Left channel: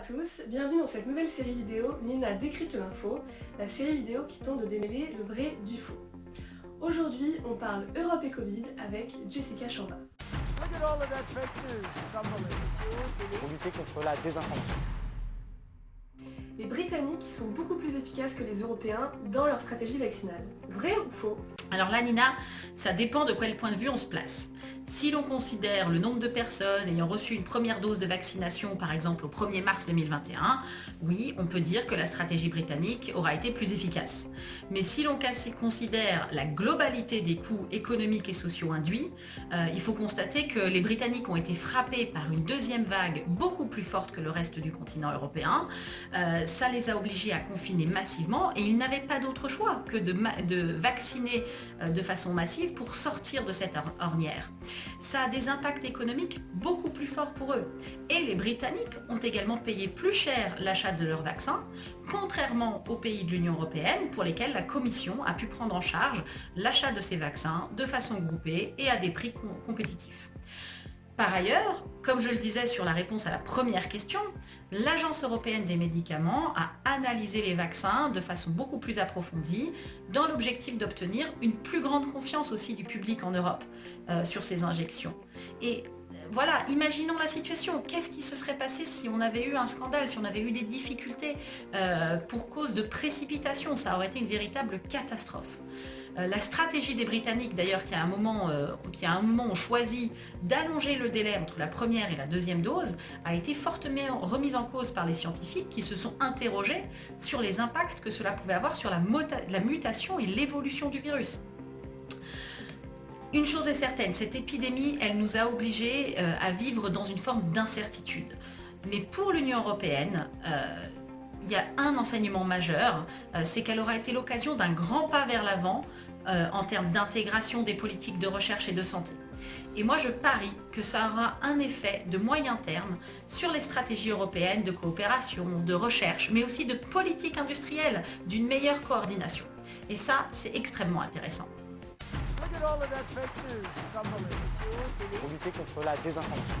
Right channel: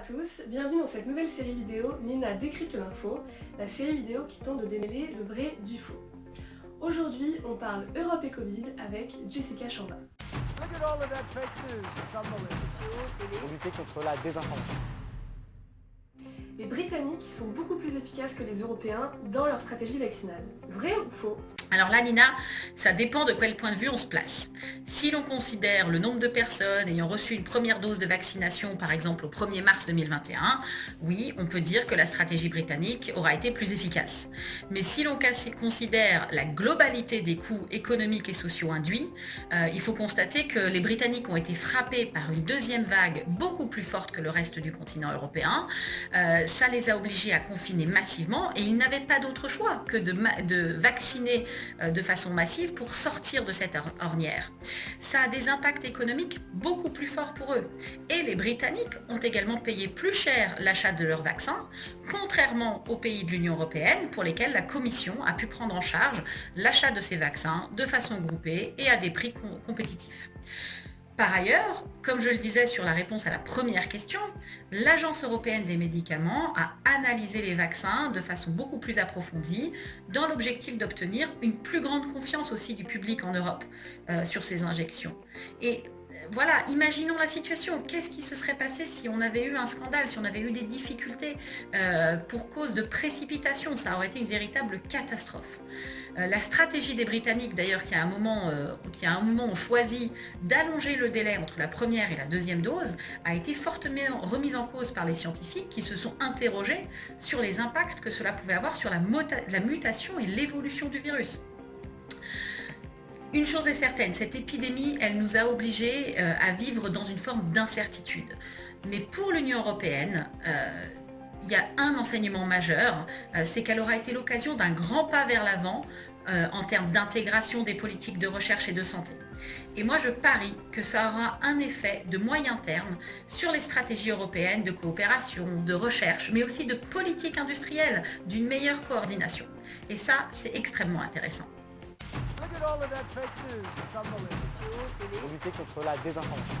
tous, bienvenue dans cette nouvelle série vidéo Nina décrypte l'info, la série vidéo qui tente de démêler le vrai du faux. Aujourd'hui, on parle Europe et Covid avec Jessica Chamba. Pour lutter contre la désinformation. Les Britanniques sont beaucoup plus efficaces que les Européens dans leur stratégie vaccinale. Vrai ou faux ? Alors là, Nina, ça dépend de quel point de vue on se place. Si l'on considère le nombre de personnes ayant reçu une première dose de vaccination, par exemple au 1er mars 2021, oui, on peut dire que la stratégie britannique aura été plus efficace. Mais si l'on considère la globalité des coûts économiques et sociaux induits, il faut constater que les Britanniques ont été frappés par une deuxième vague beaucoup plus forte que le reste du continent européen. Ça les a obligés à confiner massivement et ils n'avaient pas d'autre choix que de vacciner de façon massive pour sortir de cette ornière. Ça a des impacts économiques beaucoup plus forts pour eux. Et les Britanniques ont également payé plus cher l'achat de leurs vaccins, contrairement aux pays de l'Union européenne pour lesquels la Commission a pu prendre en charge l'achat de ces vaccins de façon groupée et à des prix compétitifs. Par ailleurs, comme je le disais sur la réponse à la première question, l'Agence européenne des médicaments a analysé les vaccins de façon beaucoup plus approfondie dans l'objectif d'obtenir une plus grande confiance aussi du public en Europe sur ces injections. Et voilà, imaginons la situation. Qu'est-ce qui se serait passé si on avait eu un scandale, si on avait eu des difficultés pour cause de précipitation? Ça aurait été une véritable catastrophe. La stratégie des Britanniques, d'ailleurs, qui à un moment ont choisi d'allonger le délai entre la première et la deuxième dose, a été fortement remise en cause par les scientifiques qui se sont interrogés sur les impacts que cela pouvait avoir sur la mutation et l'évolution du virus. Une chose est certaine, cette épidémie, elle nous a obligés à vivre dans une forme d'incertitude. Mais pour l'Union européenne, il y a un enseignement majeur, c'est qu'elle aura été l'occasion d'un grand pas vers l'avant en termes d'intégration des politiques de recherche et de santé. Et moi, je parie que ça aura un effet de moyen terme sur les stratégies européennes de coopération, de recherche, mais aussi de politique industrielle, d'une meilleure coordination. Et ça, c'est extrêmement intéressant. Pour lutter contre la désinformation.